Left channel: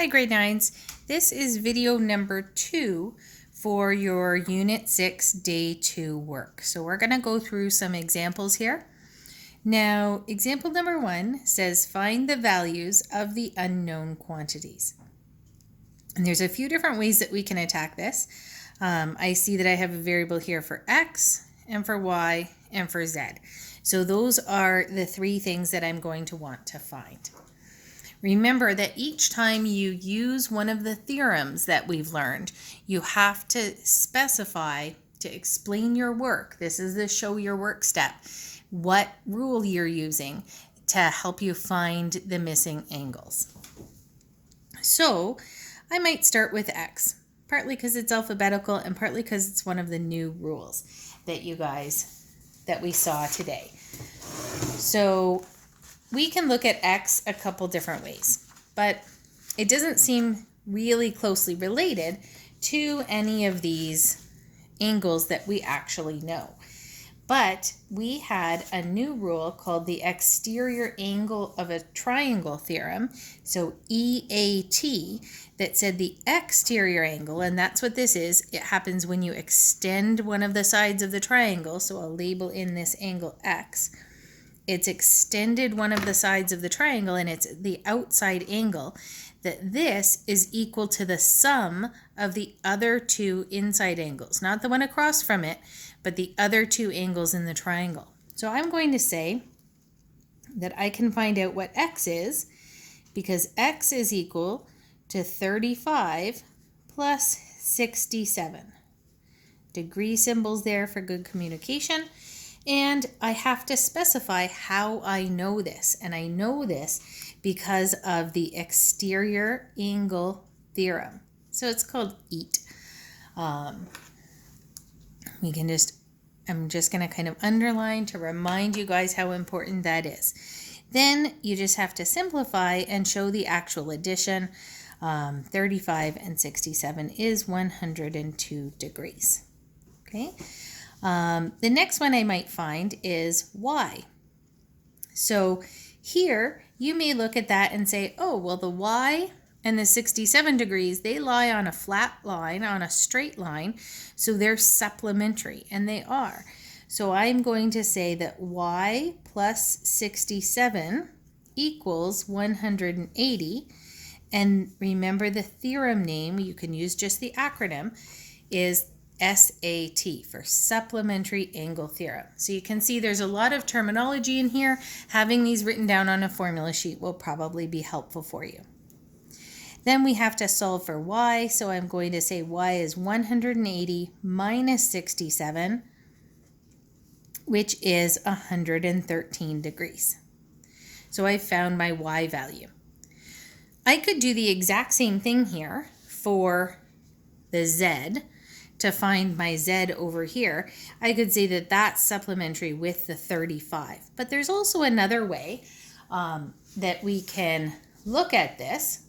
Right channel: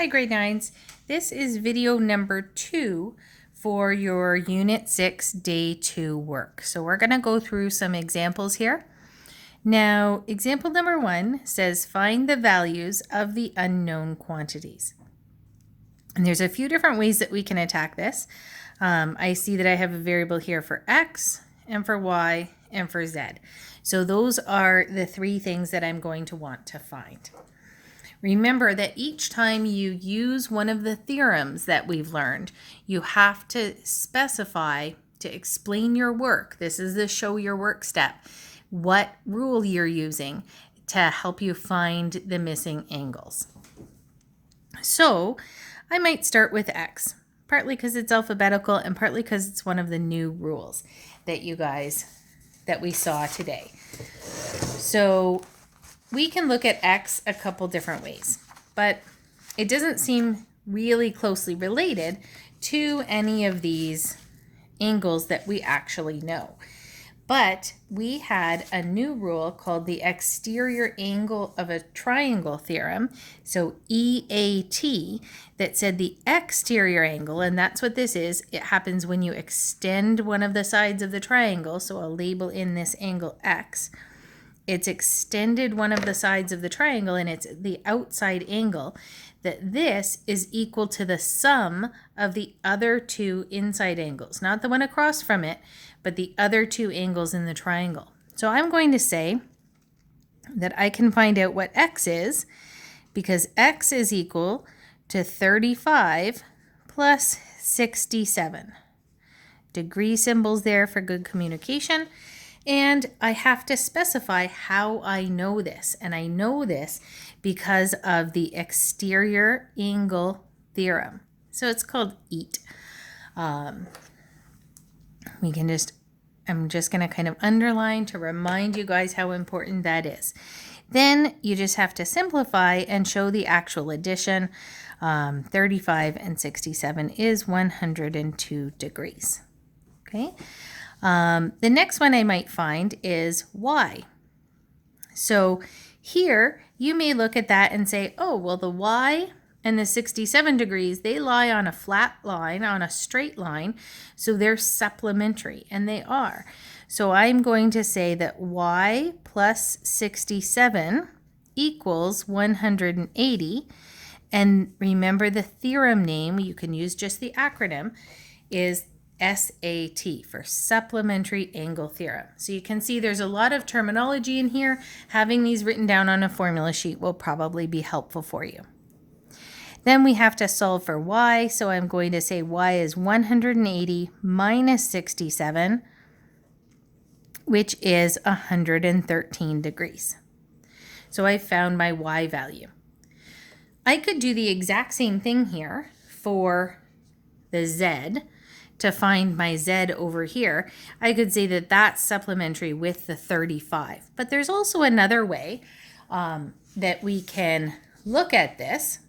Hi grade 9s, this is video number 2 for your Unit 6 Day 2 work. So we're going to go through some examples here. Now, example number 1 says find the values of the unknown quantities. And there's a few different ways that we can attack this. I see that I have a variable here for x and for y and for z. So those are the 3 things that I'm going to want to find. Remember that each time you use one of the theorems that we've learned, you have to specify to explain your work. This is the show your work step. What rule you're using to help you find the missing angles. So I might start with x, partly because it's alphabetical and partly because it's one of the new rules that we saw today. So we can look at x a couple different ways, but it doesn't seem really closely related to any of these angles that we actually know. But we had a new rule called the exterior angle of a triangle theorem, so EAT, that said the exterior angle, and that's what this is, it happens when you extend one of the sides of the triangle, so I'll label in this angle x. It's extended one of the sides of the triangle and it's the outside angle, that this is equal to the sum of the other 2 inside angles, not the one across from it, but the other 2 angles in the triangle. So I'm going to say that I can find out what x is because x is equal to 35 plus 67. Degree symbols there for good communication. And I have to specify how I know this. And I know this because of the exterior angle theorem. So it's called EAT. I'm just going to kind of underline to remind you guys how important that is. Then you just have to simplify and show the actual addition. 35 and 67 is 102 degrees. Okay. The next one I might find is y. So here you may look at that and say, oh, well, the y and the 67 degrees, they lie on a flat line, on a straight line, so they're supplementary, and they are. So I'm going to say that y plus 67 equals 180, and remember the theorem name, you can use just the acronym, is SAT for supplementary angle theorem. So you can see there's a lot of terminology in here. Having these written down on a formula sheet will probably be helpful for you. Then we have to solve for y. So I'm going to say y is 180 minus 67, which is 113 degrees. So I found my y value. I could do the exact same thing here for the z. To find my z over here, I could say that that's supplementary with the 35. But there's also another way that we can look at this.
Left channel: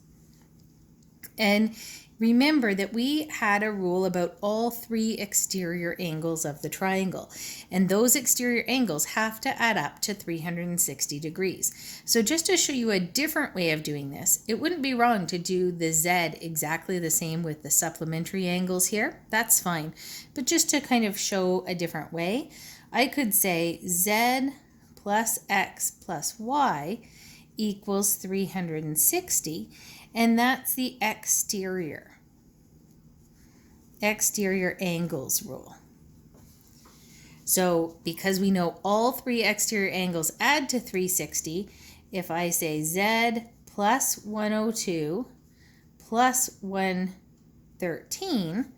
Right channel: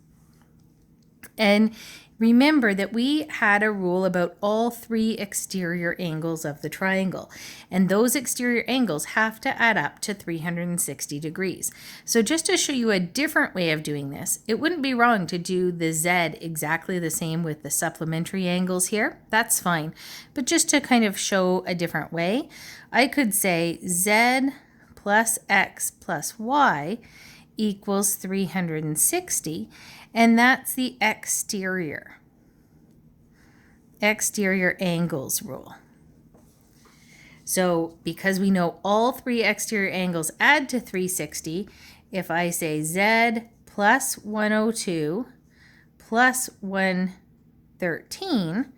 And remember that we had a rule about all 3 exterior angles of the triangle. And those exterior angles have to add up to 360 degrees. So just to show you a different way of doing this, it wouldn't be wrong to do the z exactly the same with the supplementary angles here. That's fine. But just to kind of show a different way, I could say z plus x plus y equals 360. And that's the exterior angles rule. So because we know all 3 exterior angles add to 360, if I say z plus 102 plus 113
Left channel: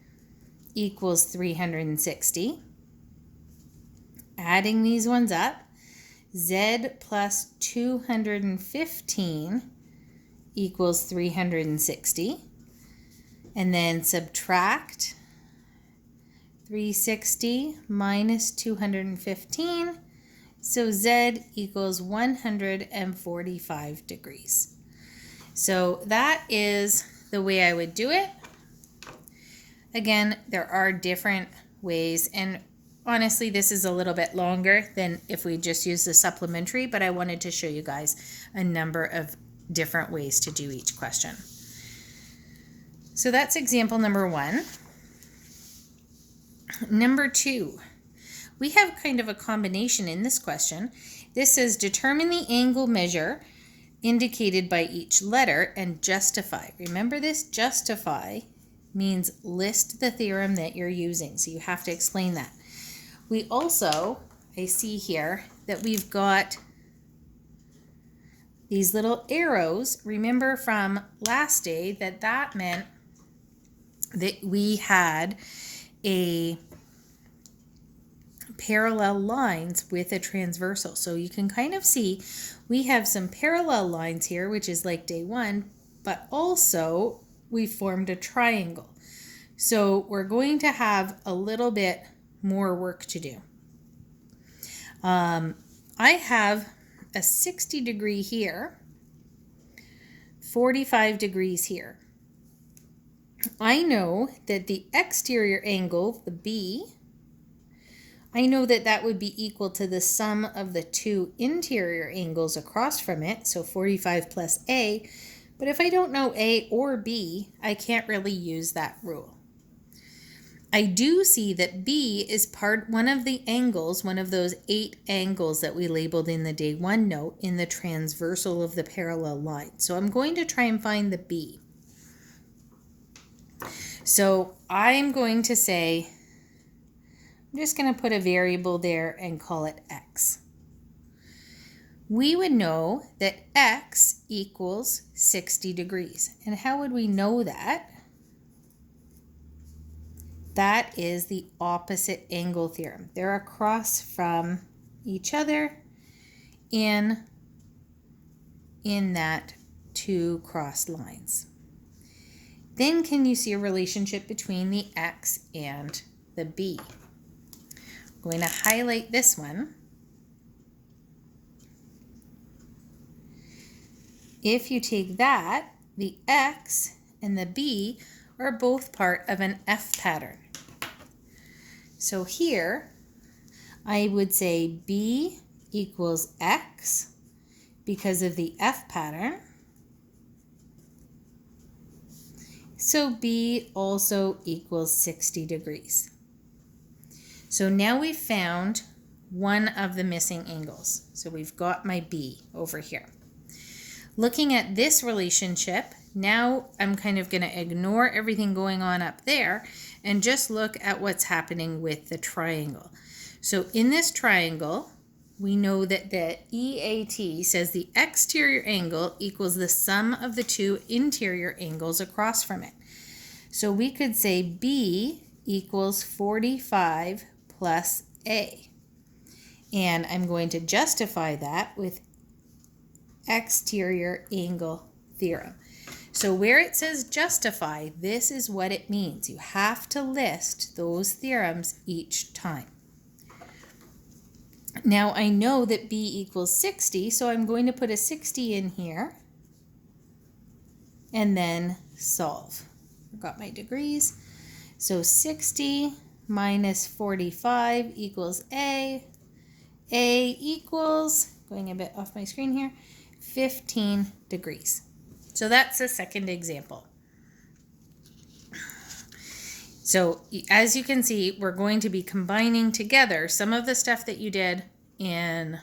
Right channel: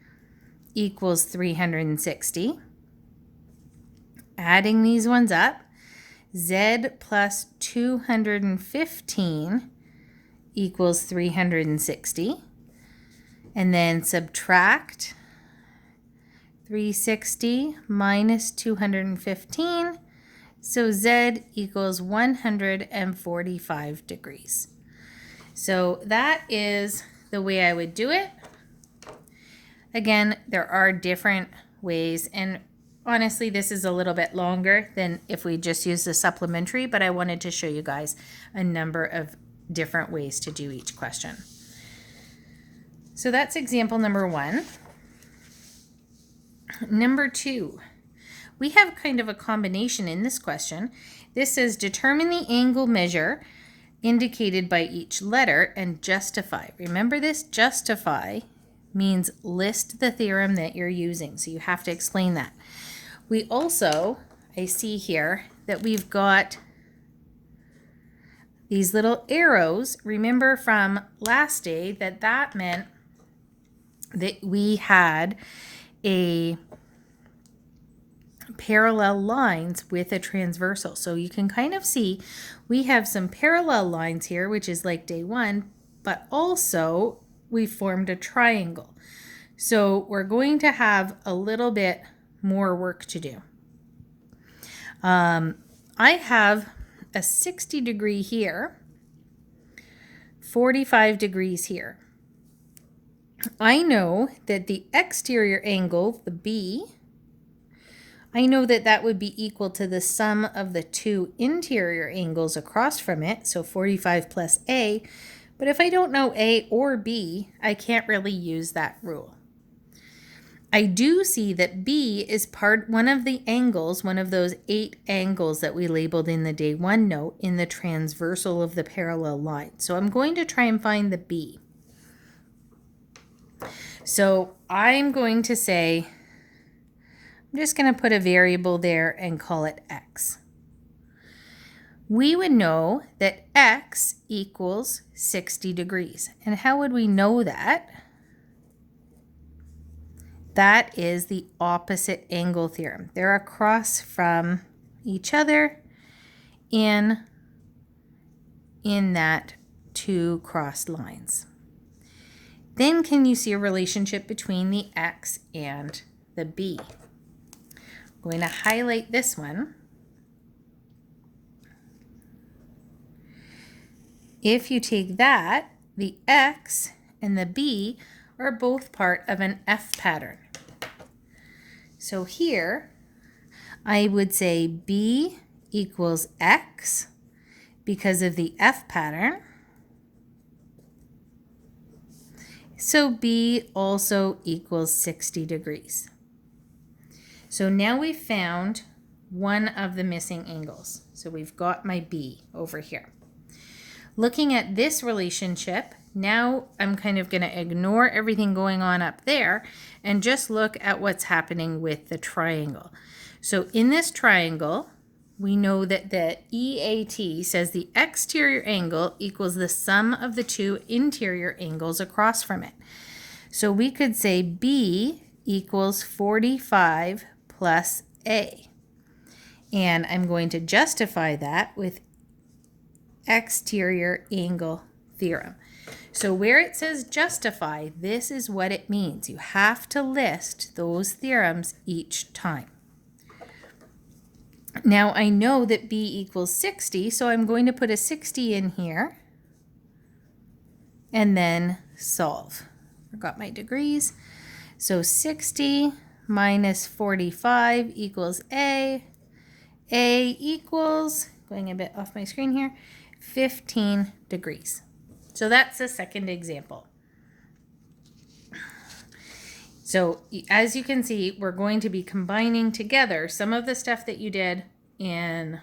equals 360, adding these ones up, z plus 215 equals 360, and then subtract 360 minus 215, so z equals 145 degrees. So that is the way I would do it. Again, there are different ways, and honestly, this is a little bit longer than if we just use the supplementary, but I wanted to show you guys a number of different ways to do each question. So that's example number 1. Number 2, we have kind of a combination in this question. This says determine the angle measure indicated by each letter and justify. Remember this, justify means list the theorem that you're using. So you have to explain that. We also, I see here that we've got these little arrows. Remember from last day that meant that we had a parallel lines with a transversal. So you can kind of see we have some parallel lines here, which is like day 1, but also we formed a triangle. So we're going to have a little bit more work to do. I have a 60 degree here, 45 degrees here. I know that the exterior angle, the B, I know that that would be equal to the sum of the 2 interior angles across from it, so 45 plus A. But if I don't know A or B, I can't really use that rule. I do see that B is one of the angles, one of those 8 angles that we labeled in the day 1 note in the transversal of the parallel line. So I'm going to try and find the B. So I'm going to say, I'm just going to put a variable there and call it X. We would know that X equals 60 degrees. And how would we know that? That is the opposite angle theorem. They're across from each other in that 2 crossed lines. Then can you see a relationship between the X and the B? I'm going to highlight this one. If you take that, the X and the B are both part of an F pattern. So here, I would say B equals X because of the F pattern. So B also equals 60 degrees. So now we've found one of the missing angles. So we've got my B over here. Looking at this relationship, now I'm kind of going to ignore everything going on up there and just look at what's happening with the triangle. So in this triangle, we know that the EAT says the exterior angle equals the sum of the 2 interior angles across from it. So we could say B equals 45 plus A. And I'm going to justify that with exterior angle theorem. So where it says justify, this is what it means. You have to list those theorems each time. Now I know that B equals 60, so I'm going to put a 60 in here and then solve. Forgot my degrees. So 60 minus 45 equals A. A equals, going a bit off my screen here, 15 degrees. So that's the second example. So as you can see, we're going to be combining together some of the stuff that you did in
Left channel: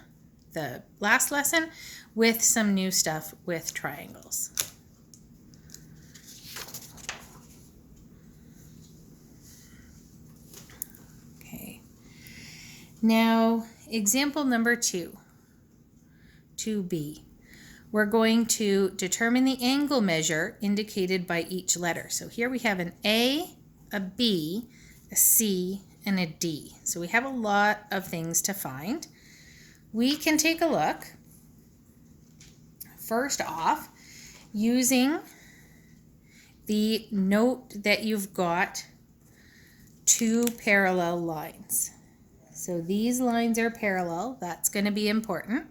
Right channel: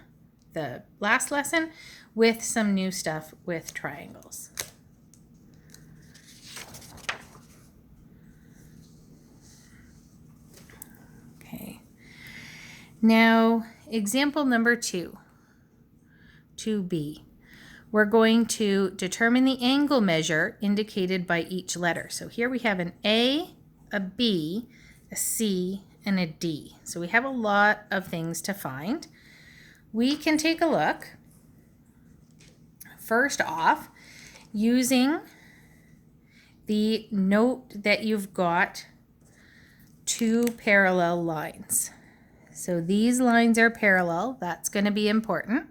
the last lesson with some new stuff with triangles. Okay. Now, example number 2, 2B. We're going to determine the angle measure indicated by each letter. So here we have an A, a B, a C, and a D. So we have a lot of things to find. We can take a look. First off, using the note that you've got 2 parallel lines. So these lines are parallel. That's going to be important.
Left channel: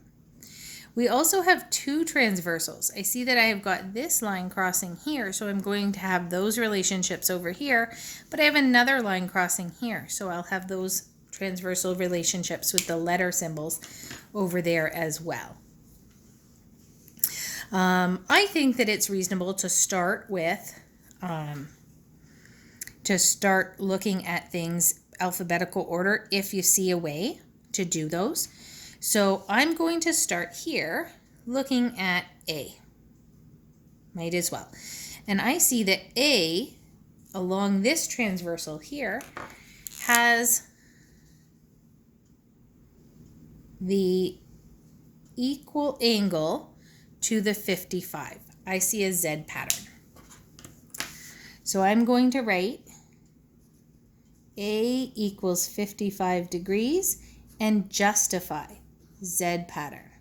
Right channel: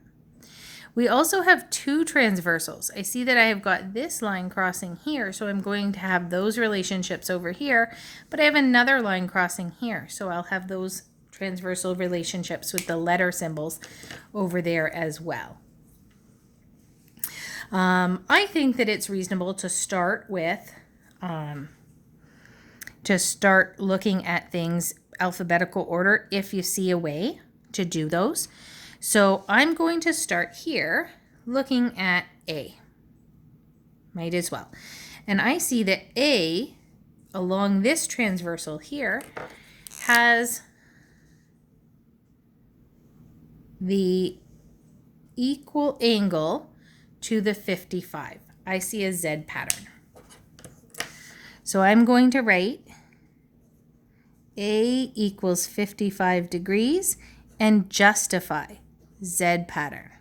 We also have 2 transversals. I see that I have got this line crossing here, so I'm going to have those relationships over here, but I have another line crossing here, so I'll have those transversal relationships with the letter symbols over there as well. I think that it's reasonable to start with to start looking at things alphabetical order if you see a way to do those. So I'm going to start here looking at A. Might as well. And I see that A, along this transversal here, has the equal angle to the 55. I see a Z pattern. So I'm going to write A equals 55 degrees and justify Z pattern.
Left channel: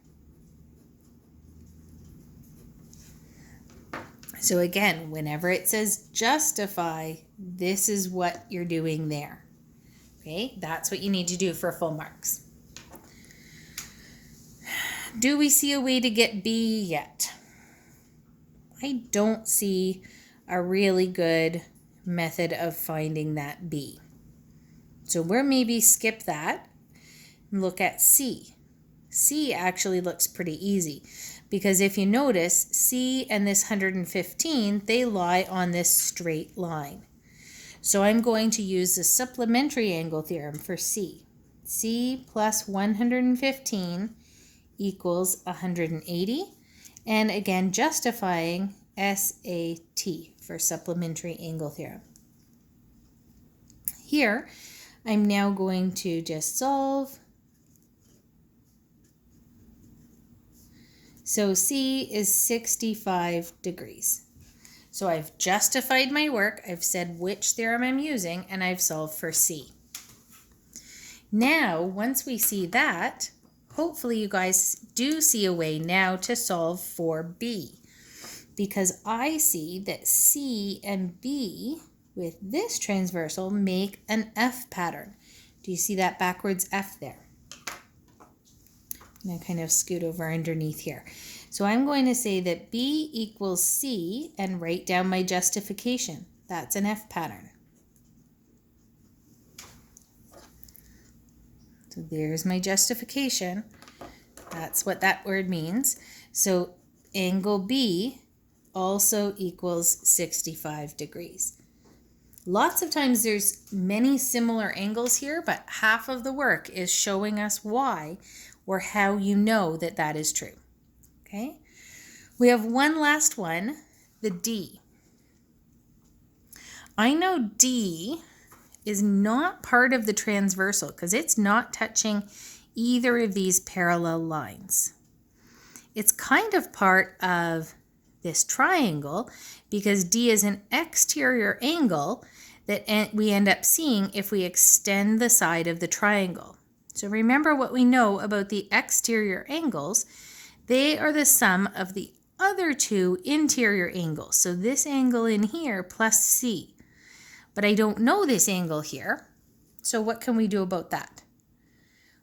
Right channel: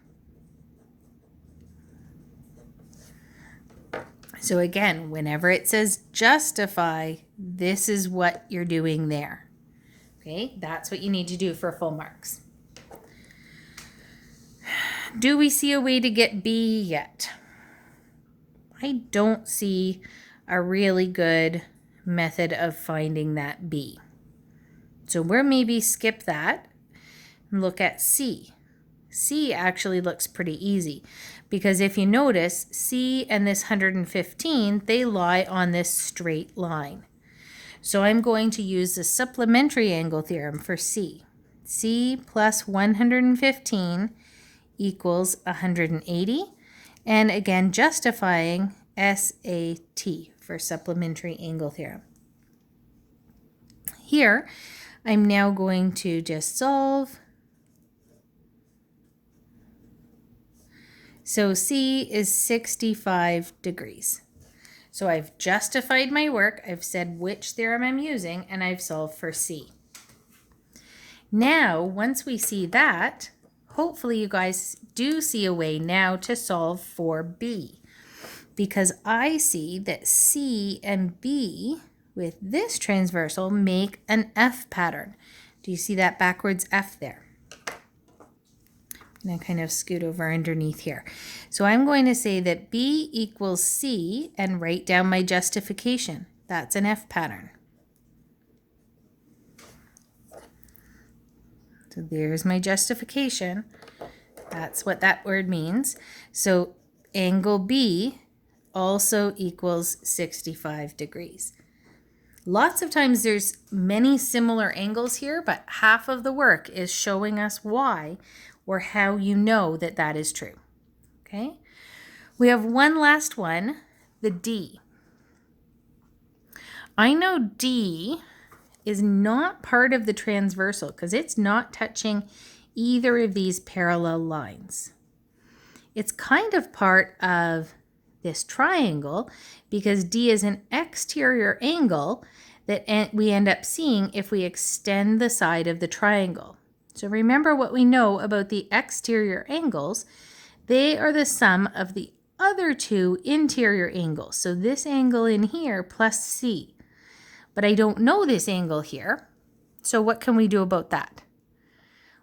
So again, whenever it says justify, this is what you're doing there. Okay, that's what you need to do for full marks. Do we see a way to get B yet? I don't see a really good method of finding that B. So we'll maybe skip that and look at C. C actually looks pretty easy because if you notice, C and this 115, they lie on this straight line. So I'm going to use the supplementary angle theorem for C. C plus 115 equals 180. And again, justifying SAT for supplementary angle theorem. Here, I'm now going to just solve. So C is 65 degrees. So I've justified my work, I've said which theorem I'm using, and I've solved for C. Now, once we see that, hopefully you guys do see a way now to solve for B, because I see that C and B with this transversal make an F pattern. Do you see that backwards F there? I'm going to kind of scoot over underneath here. So I'm going to say that B equals C and write down my justification. That's an F pattern. So there's my justification. That's what that word means. So angle B also equals 65 degrees. Lots of times there's many similar angles here, but half of the work is showing us why or how you know that that is true. Okay? We have one last one, the D. I know D is not part of the transversal because it's not touching either of these parallel lines. It's kind of part of this triangle because D is an exterior angle that we end up seeing if we extend the side of the triangle. So remember what we know about the exterior angles. They are the sum of the other two interior angles. So this angle in here plus C. But I don't know this angle here. So what can we do about that?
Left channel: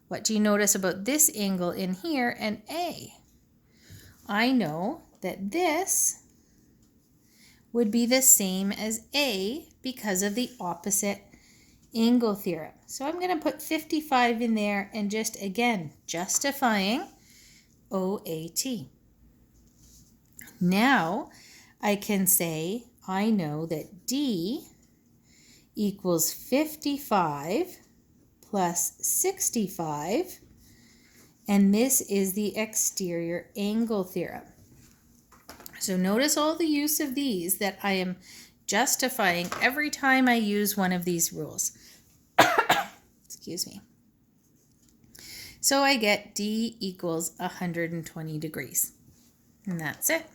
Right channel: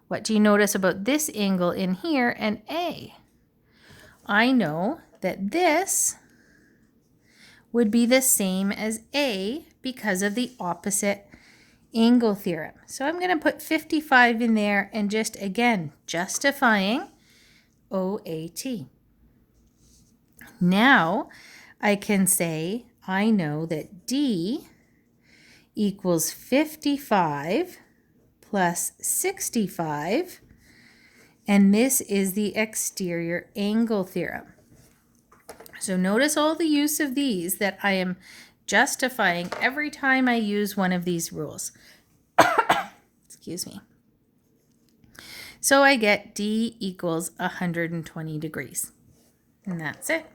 What do you notice about this angle in here and A? I know that this would be the same as A because of the opposite angle theorem. So I'm going to put 55 in there and just again justifying OAT. Now I can say I know that D equals 55 plus 65, and this is the exterior angle theorem. So notice all the use of these that I am justifying every time I use one of these rules. Excuse me. So I get D equals 120 degrees. And that's it.